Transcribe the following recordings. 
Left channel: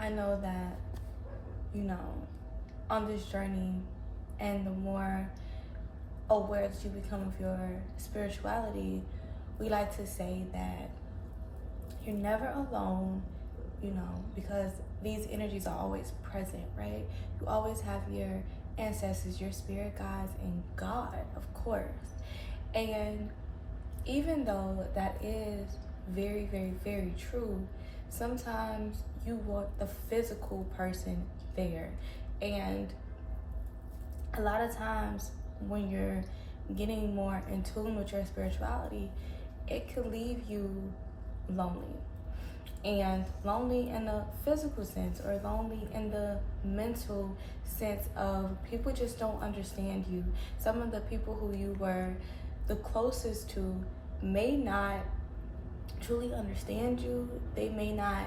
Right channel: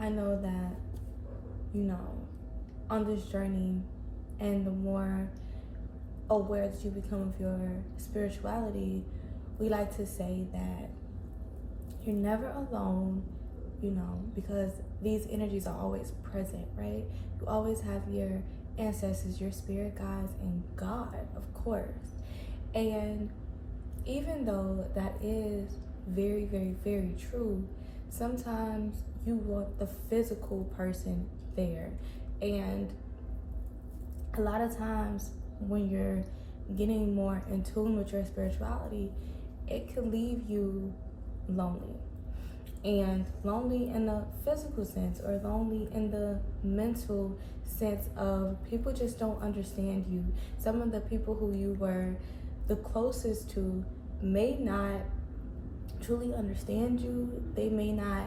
I know that, you know, on this journey, and the more aware that you become of your spirituality, we like to say that you're never alone, because these energies are always present, right? You always have your ancestors, your spirit guides, and God, of course. And even though that is very, very, very true, sometimes you want the physical person there. And a lot of times when you're getting more in tune with your spirituality, it could leave you lonely. And lonely in the physical sense, or lonely in the mental sense of people just don't understand you. Some of the people who you were the closest to may not truly understand you. They may not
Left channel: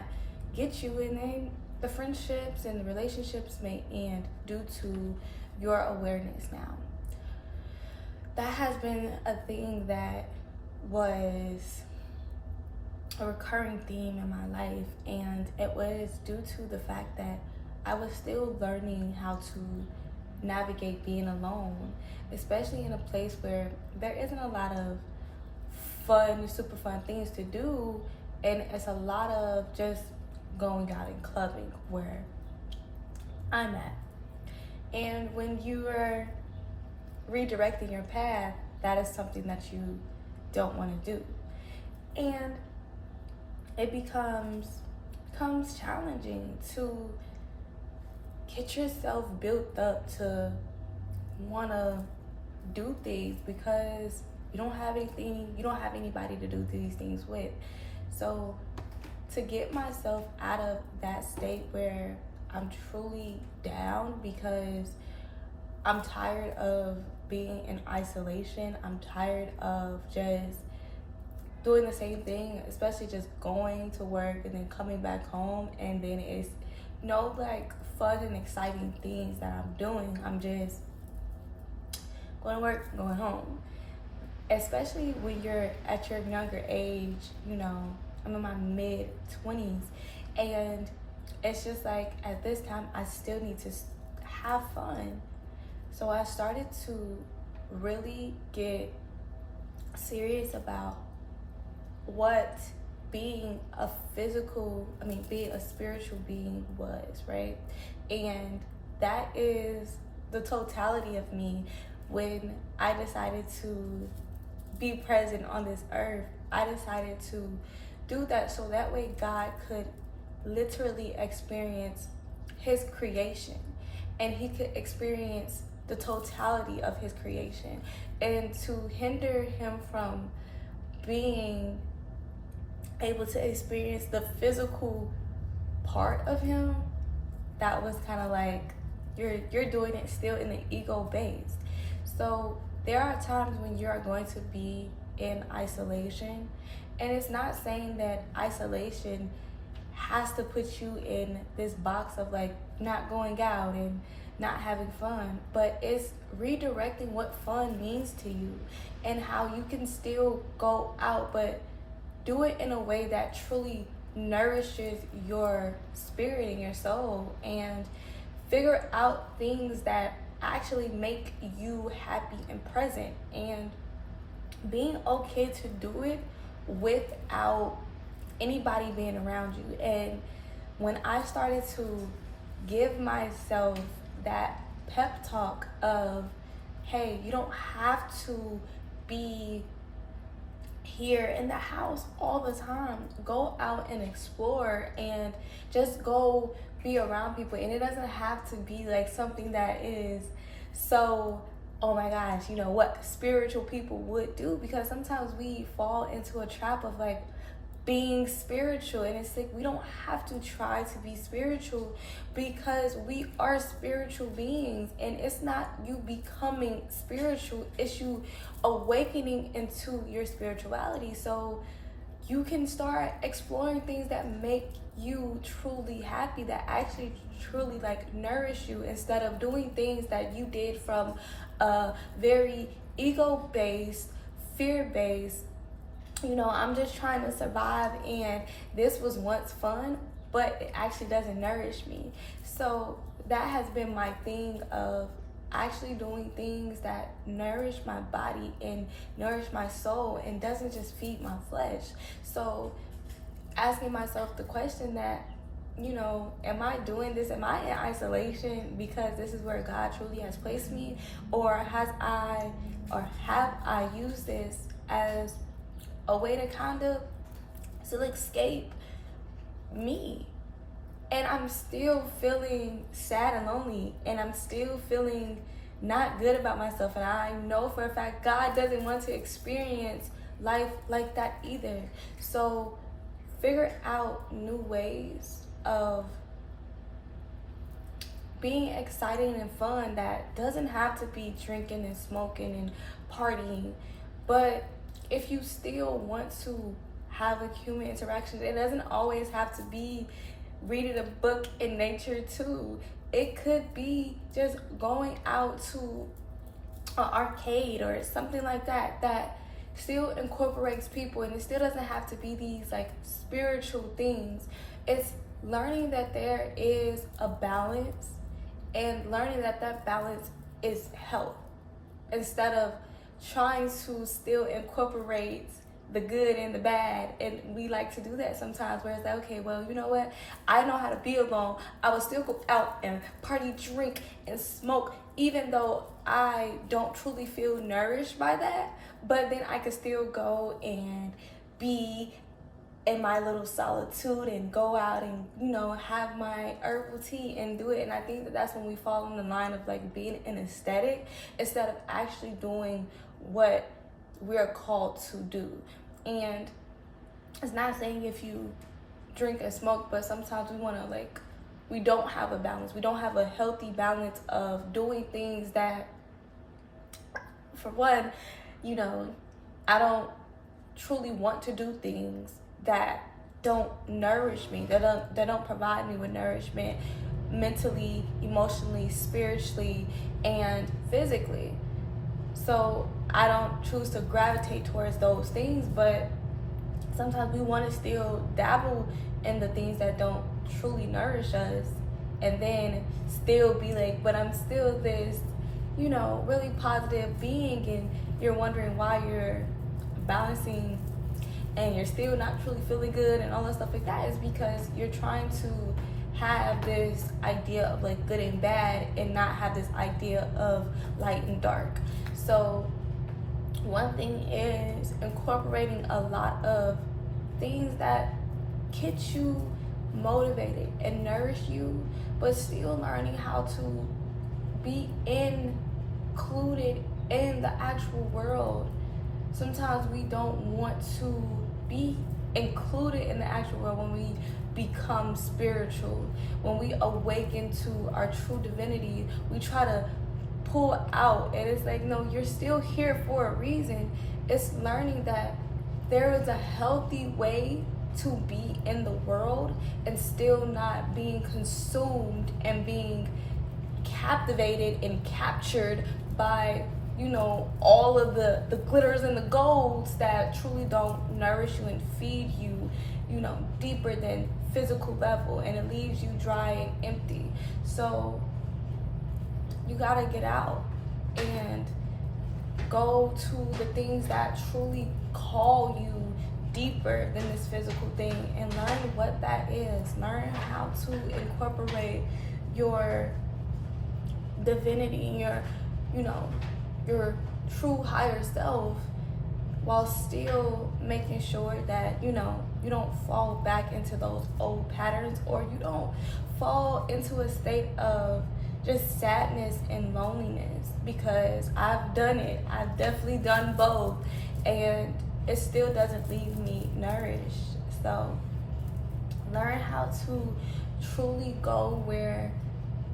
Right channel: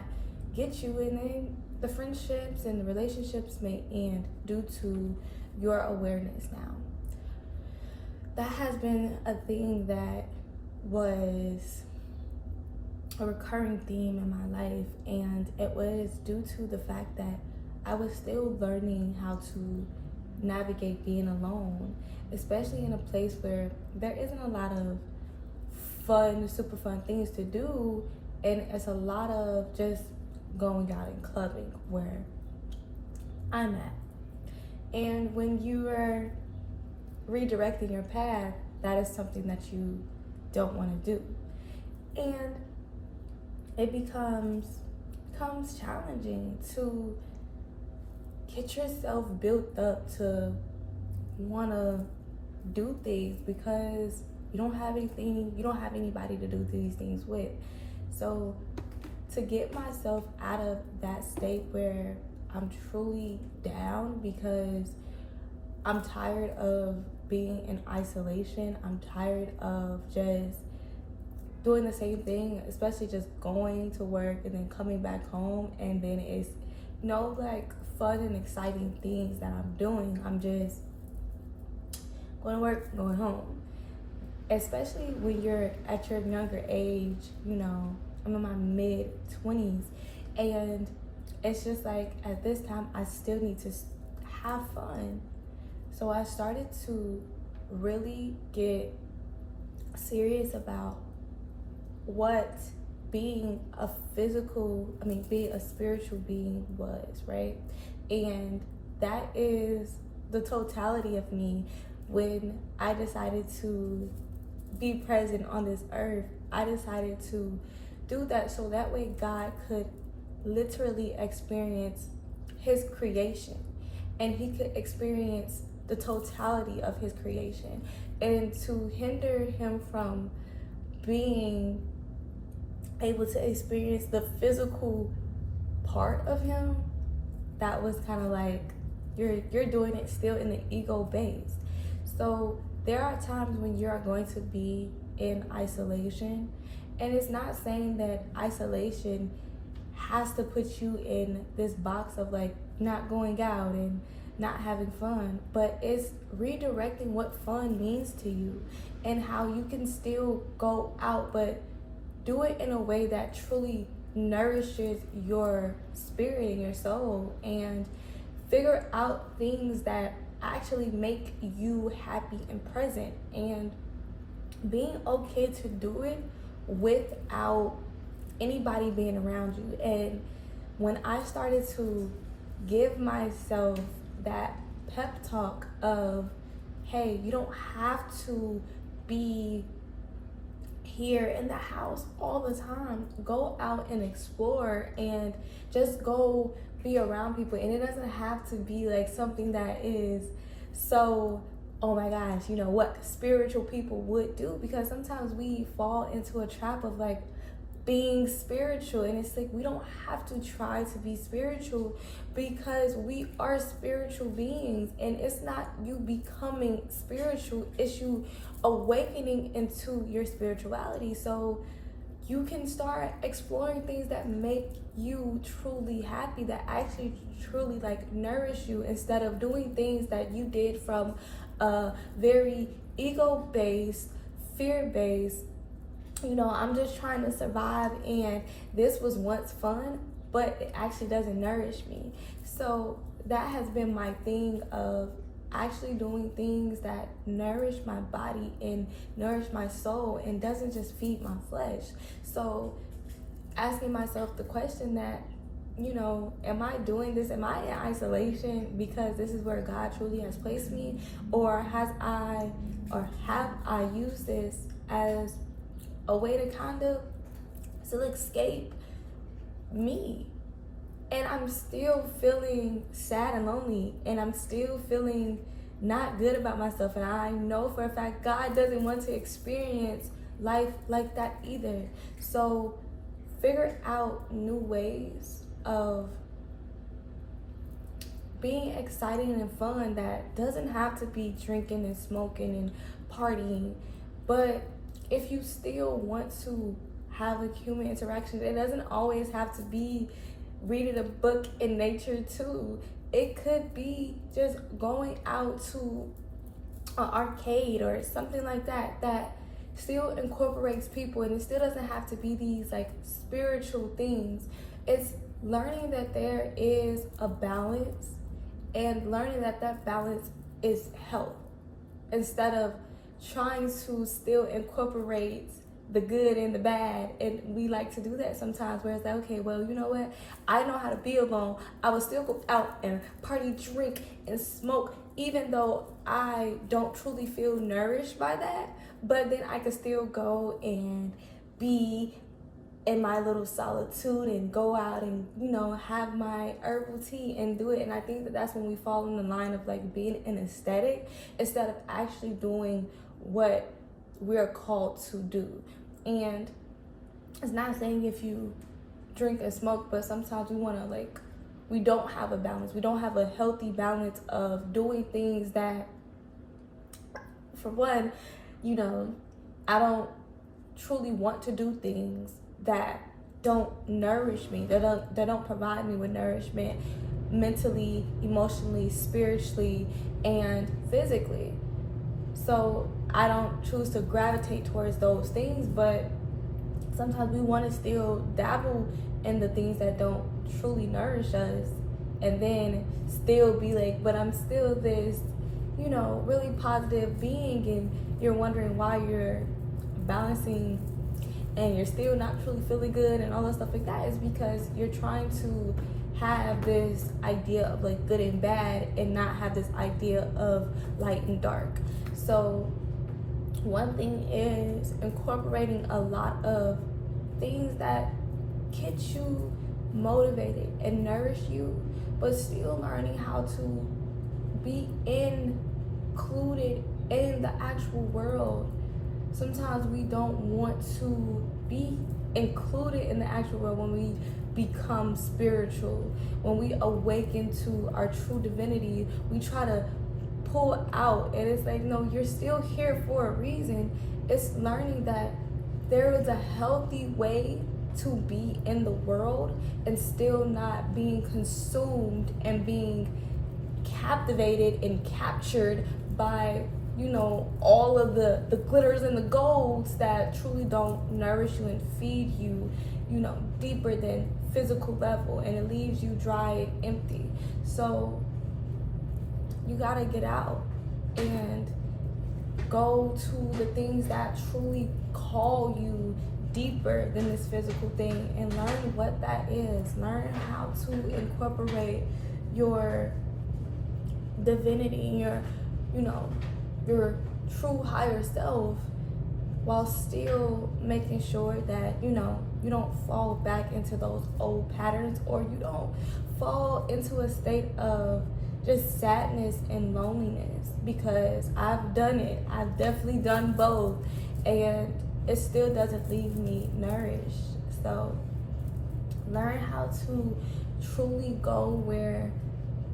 get you, and then the friendships and the relationships may end due to your awareness now. That has been a thing that was a recurring theme in my life, and it was due to the fact that I was still learning how to navigate being alone, especially in a place where there isn't a lot of fun, super fun things to do, and it's a lot of just going out and clubbing where I'm at. And when you are redirecting your path, that is something that you don't want to do. And it becomes challenging to get yourself built up to want to do things, because you don't have anybody to do these things with. So to get myself out of that state where I'm truly down because I'm tired of being in isolation, I'm tired of just doing the same thing, especially just going to work and then coming back home, and then it's no like fun and exciting things that I'm doing. I'm just going to work, going home. Especially when you're at your younger age, I'm in my mid-20s, and it's just like at this time I still need to have fun. So I started to really get serious about what being a spiritual being was, right? And that is the totality of me. When I decided to be present on this earth, I decided to do that so that way God could literally experience his creation, and he could experience the totality of his creation. And to hinder him from being able to experience the physical part of him, that was kind of like you're doing it still in the ego based. So there are times when you're going to be in isolation, and it's not saying that isolation has to put you in this box of like not going out and not having fun, but it's redirecting what fun means to you and how you can still go out, but do it in a way that truly nourishes your spirit and your soul, and figure out things that actually make you happy and present, and being okay to do it without anybody being around you. And when I started to give myself that pep talk of, hey, you don't have to be here in the house all the time. Go out and explore, and just go be around people. And it doesn't have to be like something that is so, oh my gosh, what spiritual people would do, because sometimes we fall into a trap of like being spiritual, and it's like we don't have to try to be spiritual, because we are spiritual beings, and it's not you becoming spiritual, it's you awakening into your spirituality, so you can start exploring things that make you truly happy, that actually truly like nourish you, instead of doing things that you did from a very ego-based, fear-based, I'm just trying to survive, and this was once fun, but it actually doesn't nourish me. So that has been my thing of actually doing things that nourish my body and nourish my soul and doesn't just feed my flesh. So asking myself the question that, am I doing this? Am I in isolation because this is where God truly has placed me? Or have I used this as a way to kind of still escape me? And I'm still feeling sad and lonely, and I'm still feeling not good about myself. And I know for a fact God doesn't want to experience life like that either. So figure out new ways of being exciting and fun that doesn't have to be drinking and smoking and partying. But if you still want to have a human interaction, it doesn't always have to be reading a book in nature too. It could be just going out to an arcade or something like that that still incorporates people, and it still doesn't have to be these like spiritual things. It's learning that there is a balance, and learning that that balance is health, instead of trying to still incorporate the good and the bad. And we like to do that sometimes, where it's like, okay, well, you know what, I know how to be alone. I will still go out and party, drink, and smoke, even though I don't truly feel nourished by that. But then I can still go and be in my little solitude and go out and, have my herbal tea and do it. And I think that that's when we fall in the line of like being an aesthetic instead of actually doing what we're called to do. And it's not saying if you drink and smoke, but sometimes we don't have a balance. We don't have a healthy balance of doing things that, for one, I don't truly want to do things that don't nourish me, that don't provide me with nourishment mentally, emotionally, spiritually, and physically. So I don't choose to gravitate towards those things, but sometimes we want to still dabble in the things that don't truly nourish us, and then still be like, but I'm still this, really positive being, and you're wondering why you're balancing and you're still not truly feeling good and all that stuff like that. Is because you're trying to have this idea of like good and bad and not have this idea of light and dark. So one thing is incorporating a lot of things that get you motivated and nourish you, but still learning how to be included in the actual world. Sometimes we don't want to be included in the actual world. When we become spiritual, when we awaken to our true divinity, we try to pull out, and it's like, no, you're still here for a reason. It's learning that there is a healthy way to be in the world and still not being consumed and being captivated and captured by all of the glitters and the golds that truly don't nourish you and feed you deeper than physical level, and it leaves you dry and empty. So you gotta get out and go to the things that truly call you deeper than this physical thing, and learn what that is. Learn how to incorporate your divinity, your true higher self, while still making sure that you don't fall back into those old patterns, or you don't fall into a state of just sadness and loneliness. Because I've done it. I've definitely done both, and it still doesn't leave me nourished. So learn how to truly go where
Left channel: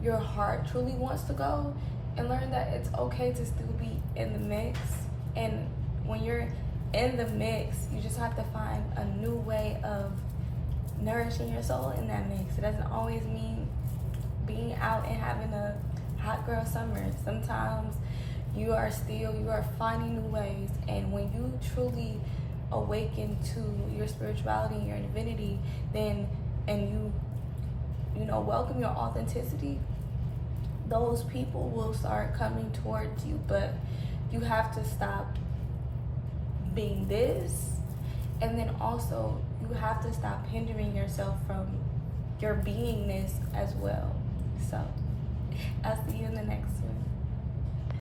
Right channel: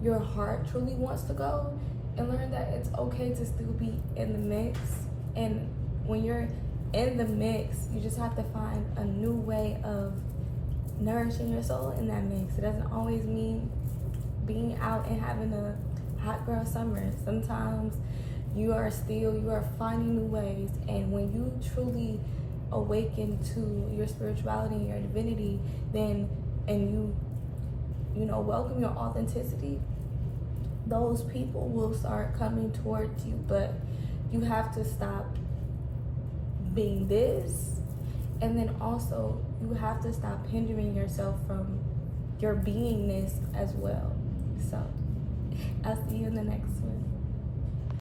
your heart truly wants to go, and learn that it's okay to still be in the mix. And when you're in the mix, you just have to find a new way of nourishing your soul in that mix. It doesn't always mean being out and having a hot girl summer. Sometimes you are finding new ways, and when you truly awaken to your spirituality and your divinity, then and you welcome your authenticity, those people will start coming towards you. But you have to stop being this, and then also you have to stop hindering yourself from your beingness as well. So I'll see you in the next one.